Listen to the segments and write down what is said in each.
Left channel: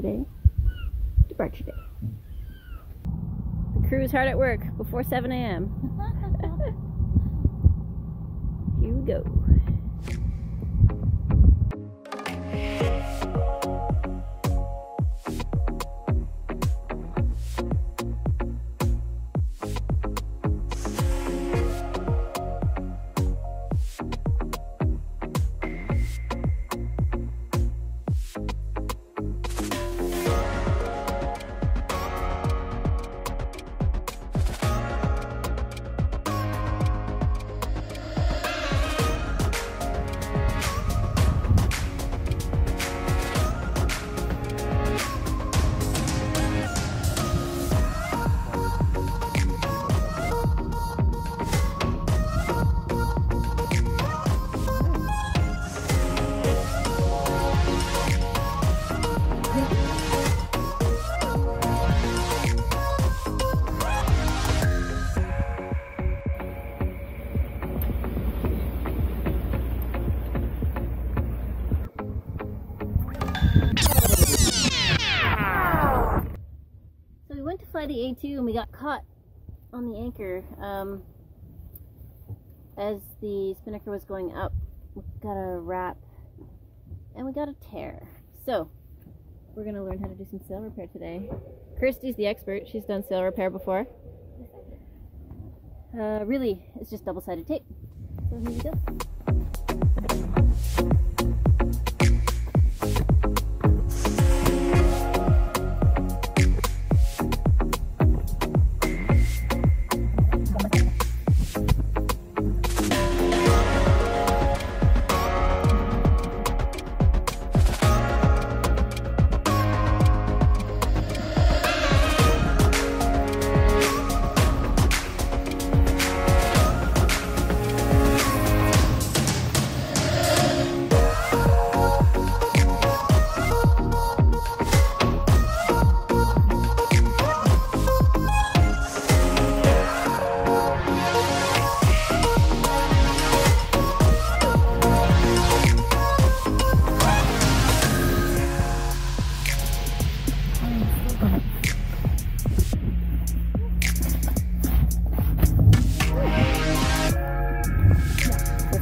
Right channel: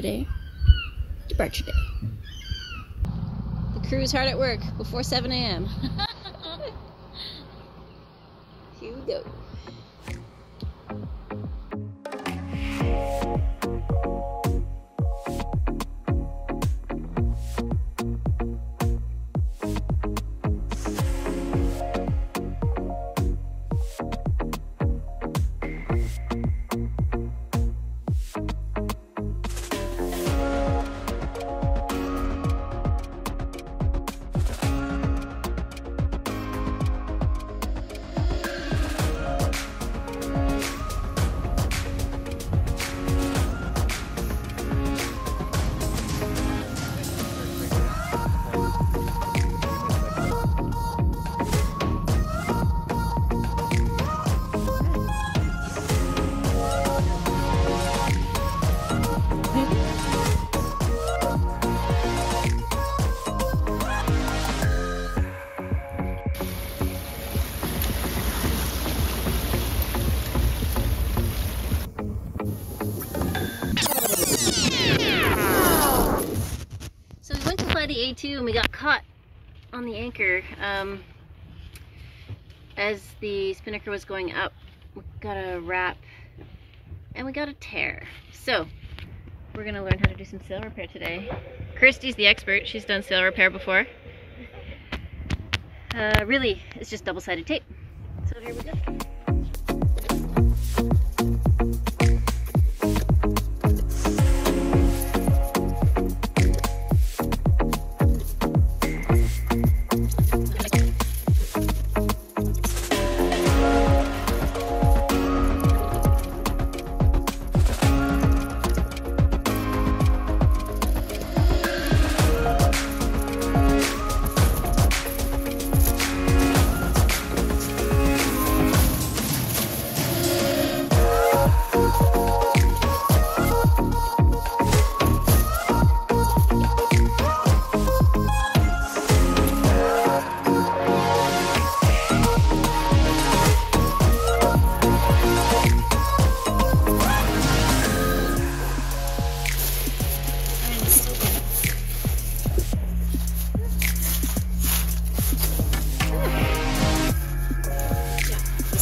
today. Departure day. The crew's hard at work before 7 a.m. Here we go. The A2 and we got caught on the anchor as the spinnaker was going up. We got a wrap and we got a tear. So we're gonna learn how to do some sail repair today. Kirsty's the expert. She's done sail repair before. Really, it's just double-sided tape. So here we go.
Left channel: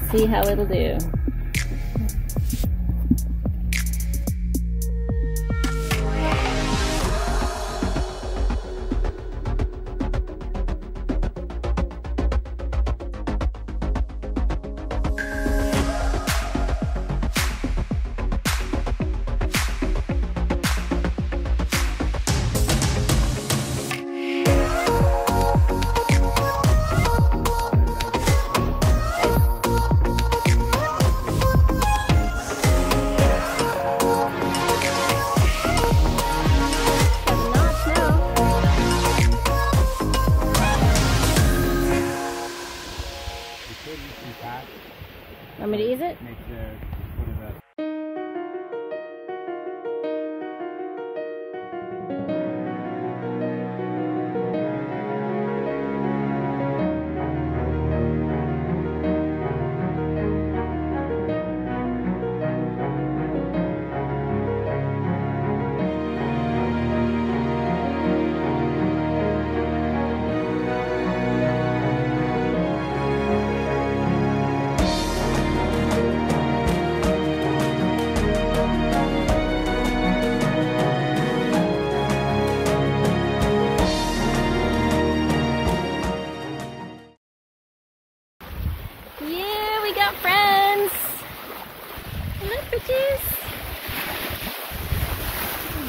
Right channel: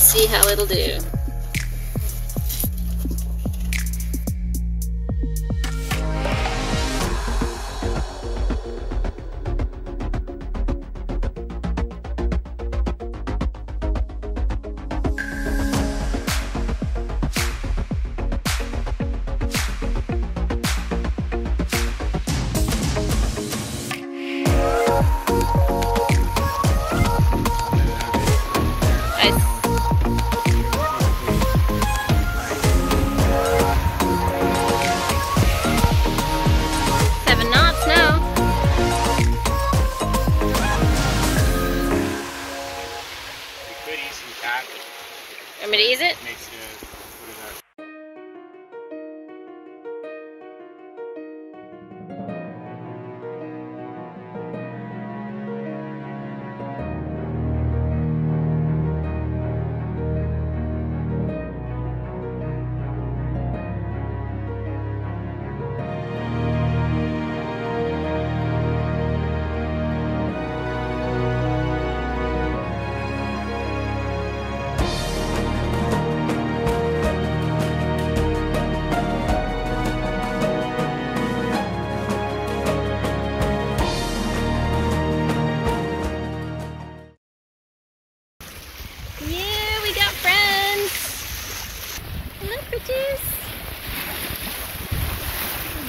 See how it'll do. Want me to ease it? Makes it, put it up.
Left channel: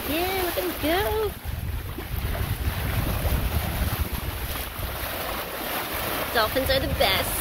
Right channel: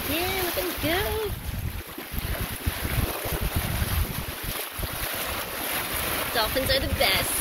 Yeah, look at them go. Dolphins are the best.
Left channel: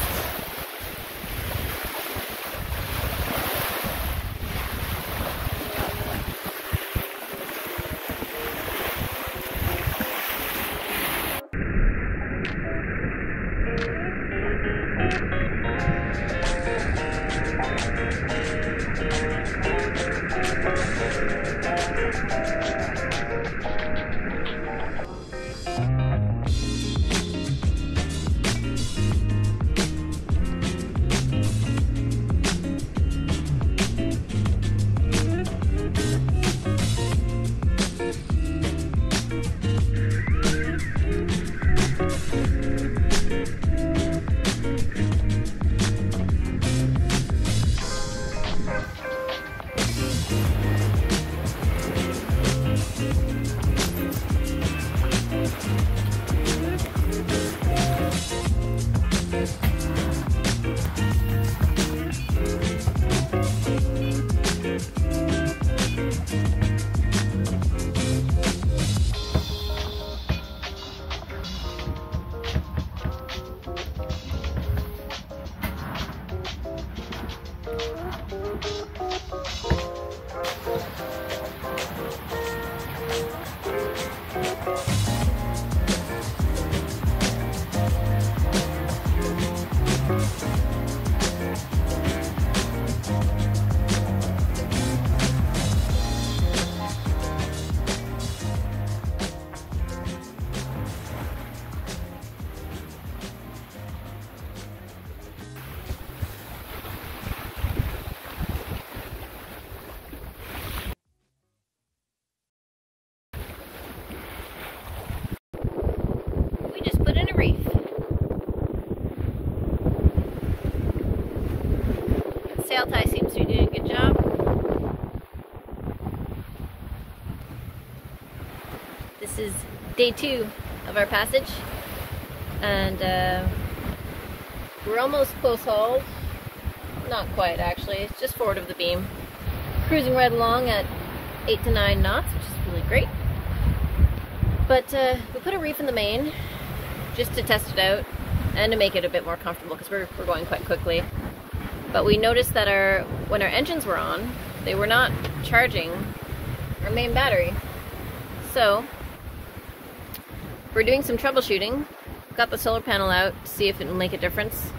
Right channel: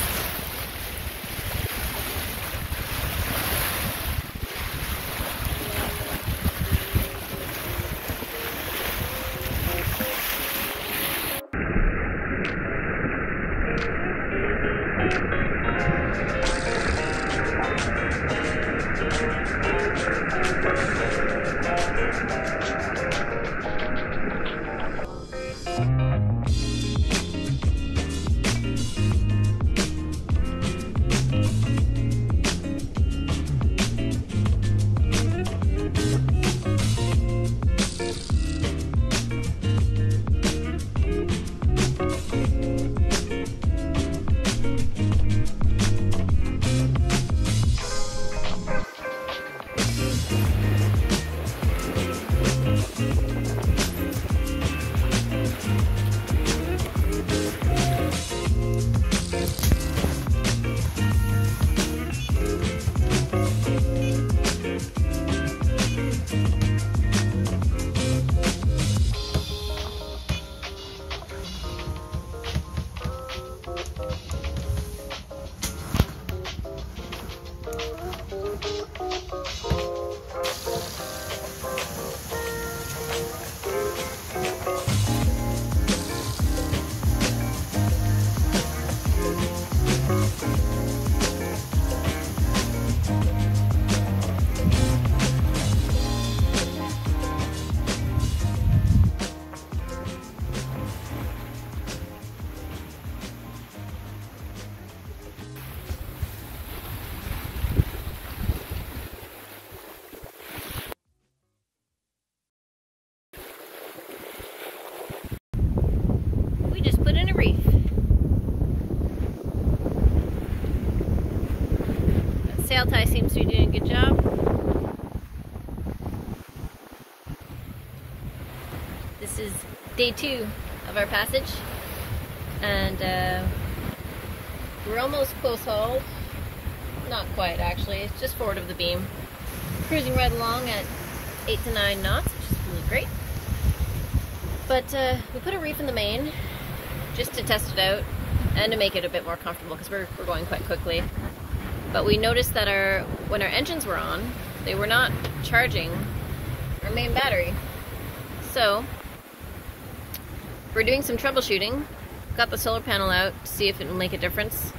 Sail tie seems to be doing a good job. This is day 2 of our passage, and we're almost close hauled. Not quite, actually. It's just forward of the beam. Cruising right along at 8 to 9 knots, which is really great. But we put a reef in the main just to test it out and to make it a bit more comfortable because we're going quite quickly. But we noticed that when our engines were on, they were not charging our main battery. So we're doing some troubleshooting. Got the solar panel out to see if it will make a difference.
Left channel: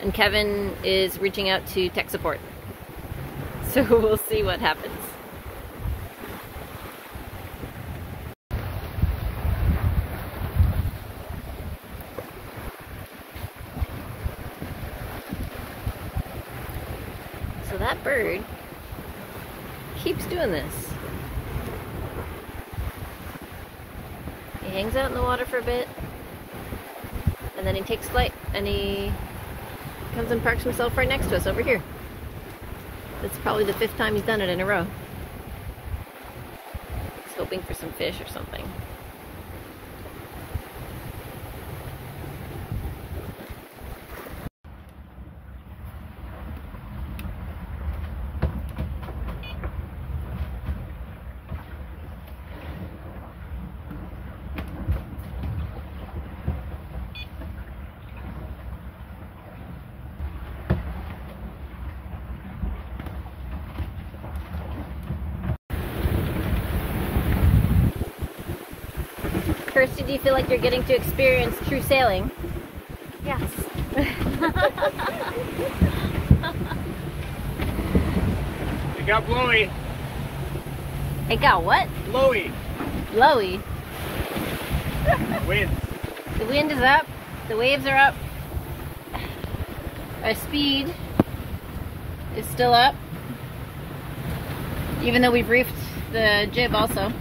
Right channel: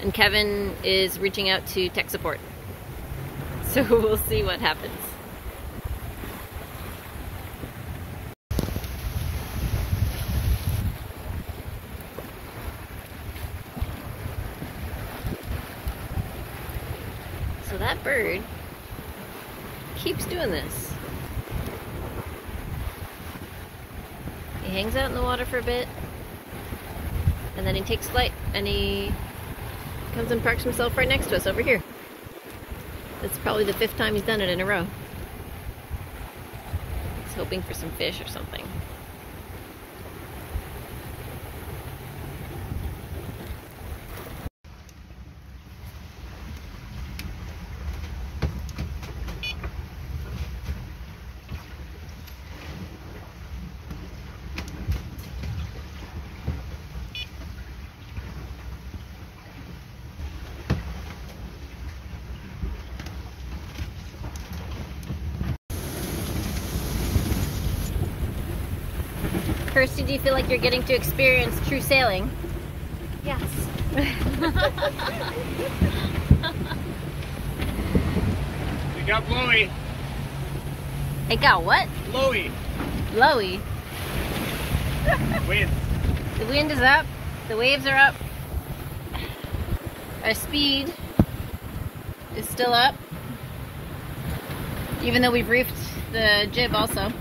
And Kevin is reaching out to tech support. So we'll see what happens. So that bird keeps doing this. He hangs out in the water for a bit, and then he takes flight, and he comes and parks himself right next to us over here. It's probably the 5th time he's done it in a row. He's hoping for some fish or something. Kirsty, do you feel like you're getting to experience true sailing? Yes. It got blowy. It got what? Blowy. Blowy. Wind. The wind is up. The waves are up. Our speed is still up. Even though we've reefed the jib also.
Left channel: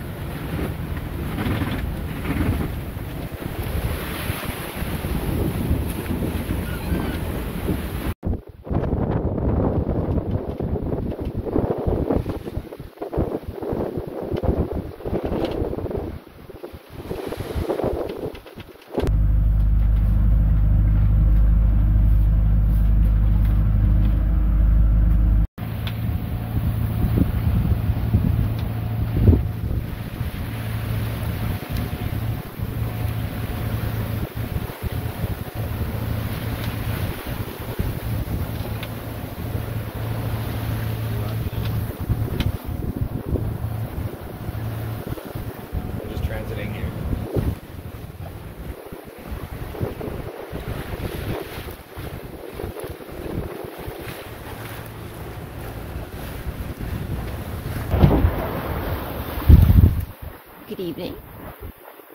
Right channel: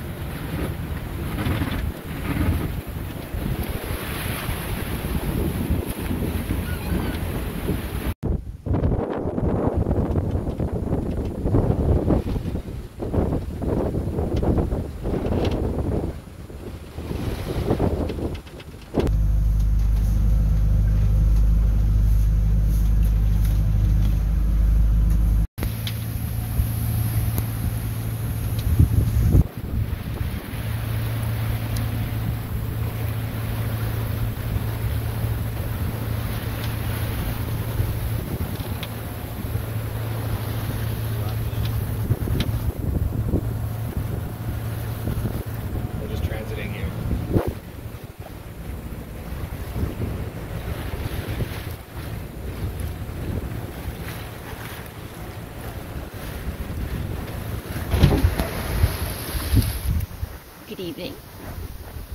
Good evening.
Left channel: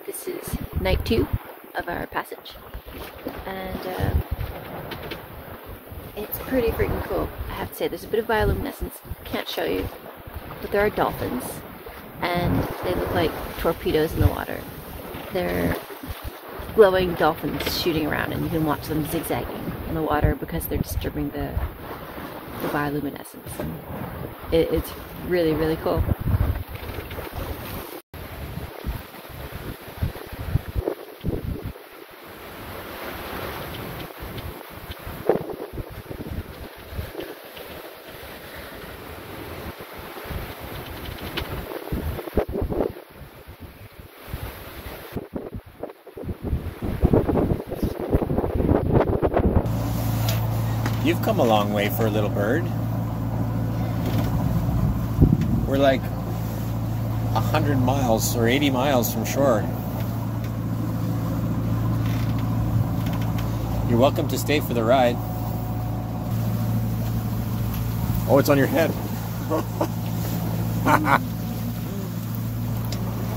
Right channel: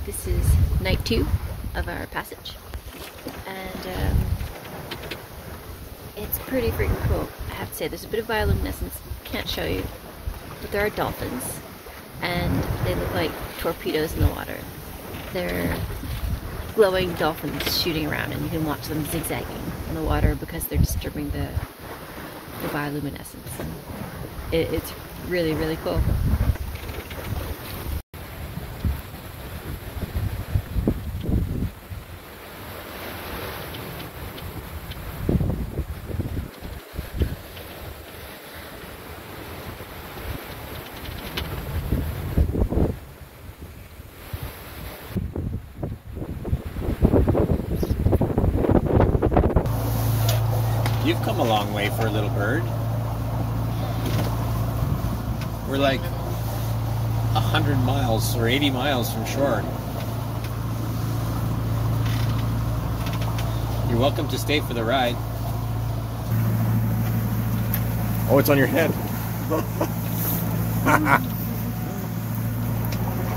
This is night 2 of our passage, and it's pretty freaking cool. I have to say, there's a bit of bioluminescence, can't show you, but there are dolphins, and they look like torpedoes in the water. They're glowing dolphins shooting around, and you can watch them zigzagging on the water because they're disturbing the bioluminescence. And it's really, really cool. You've come a long way for a little bird. We're like 100 miles or 80 miles from shore. You're welcome to stay for the ride. Oh, it's on your head. I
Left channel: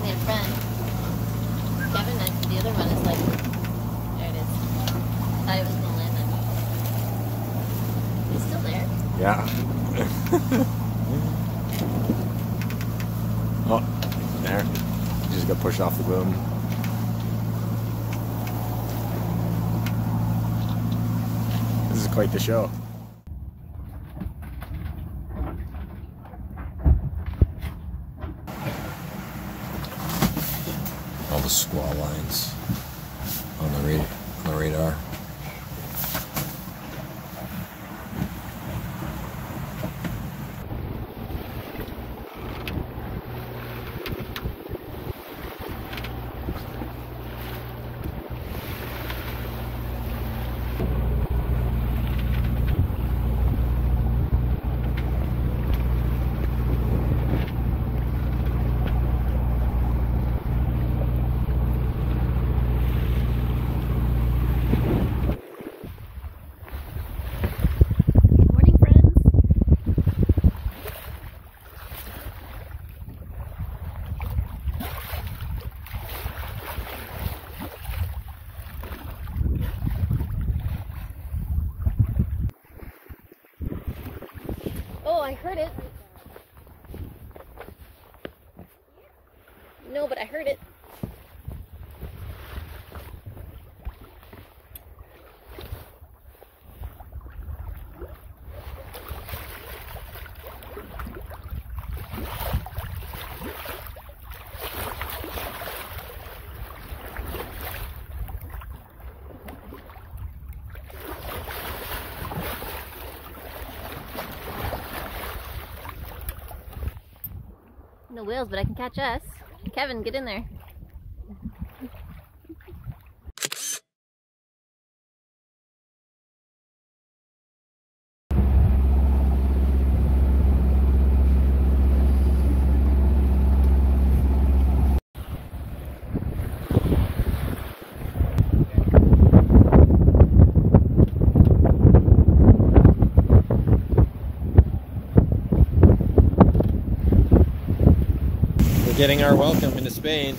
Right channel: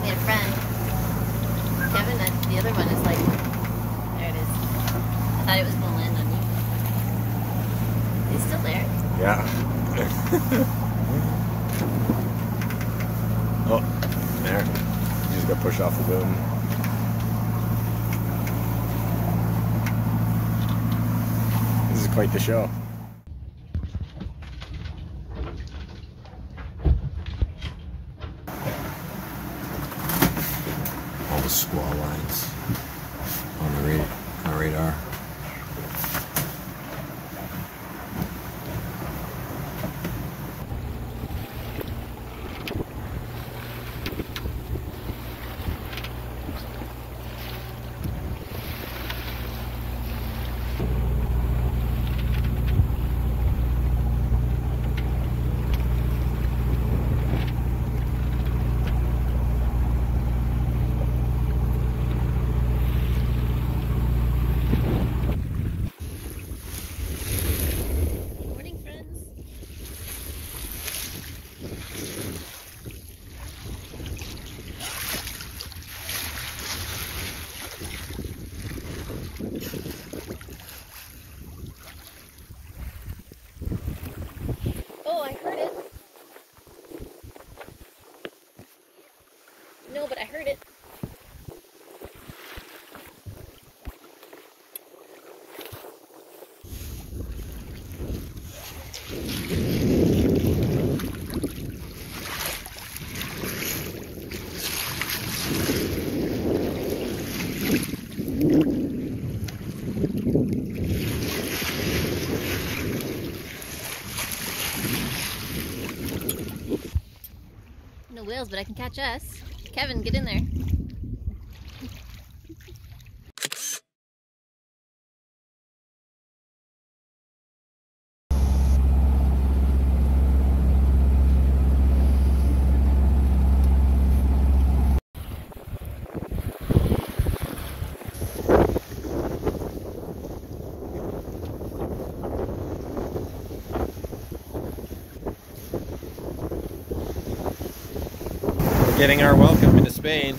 made a friend. Kevin, the other one is like, there it is. I thought it was going to land on you. Is he still there? Yeah. Oh, there. You just got pushed off the boom. This is quite the show. radar. Oh, I heard it. No, but I heard it. No whales, but I can catch us. Kevin, get in there. We're getting our welcome into Spain.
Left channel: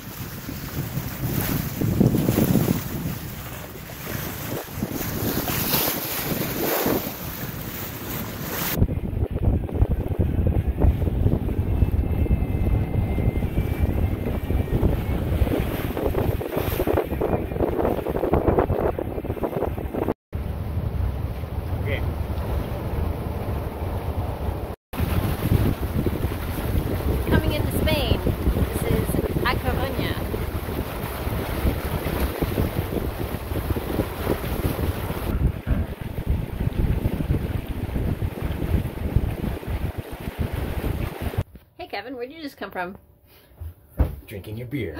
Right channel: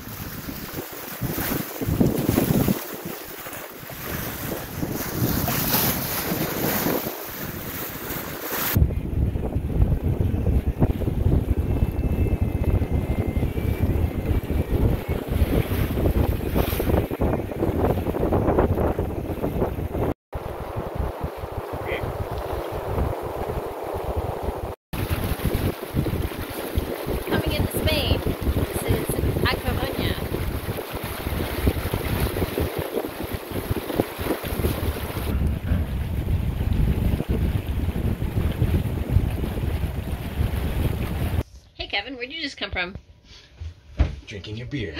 Coming into Spain. This is A Coruña. Hey Kevin, where'd you just come from? Drinking your beer.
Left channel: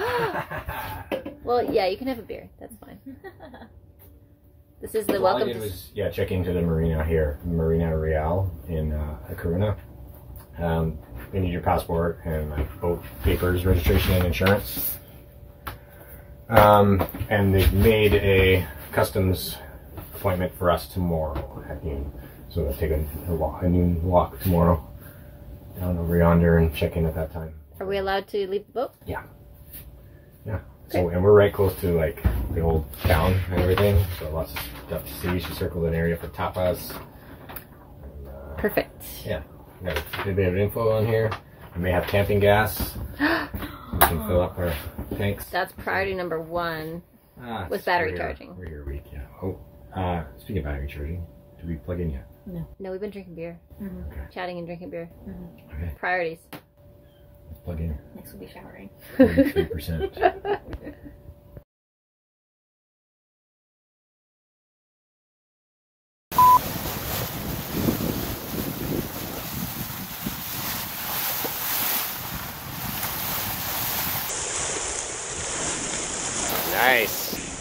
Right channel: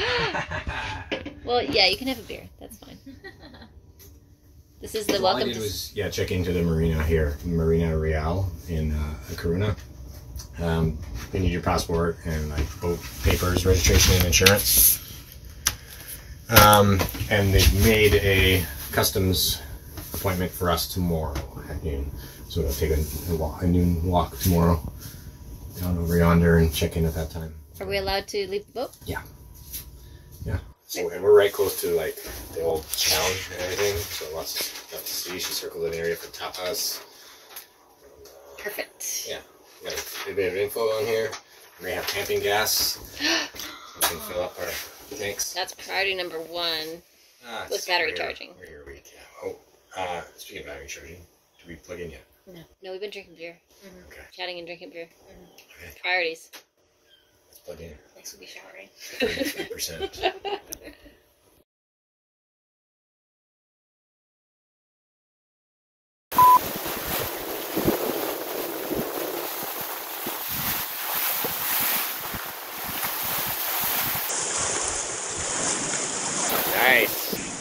Well, yeah, you can have a beer. That's fine. This is the All welcome I did to... was check into the marina here, Marina Real in A Coruña. They need your passport and like boat papers, registration, and insurance. And they've made a customs appointment for us tomorrow at noon. So we'll take a noon walk tomorrow down over yonder and check in at that time. Are we allowed to leave the boat? Yeah. So, and we're right close to like the old town and everything. So lots of stuff to see. She circled an area for tapas. And, Perfect. yeah. We got a bit of info on here. We may have camping gas. So we can fill up our tanks. That's priority number one. With battery charging. We're here a week, yeah. Oh, speaking of battery charging, did we plug in yet? No, we've been drinking beer. Okay. Chatting and drinking beer. Okay. Priorities. Let's plug in. Next will be showering. 33%. Nice.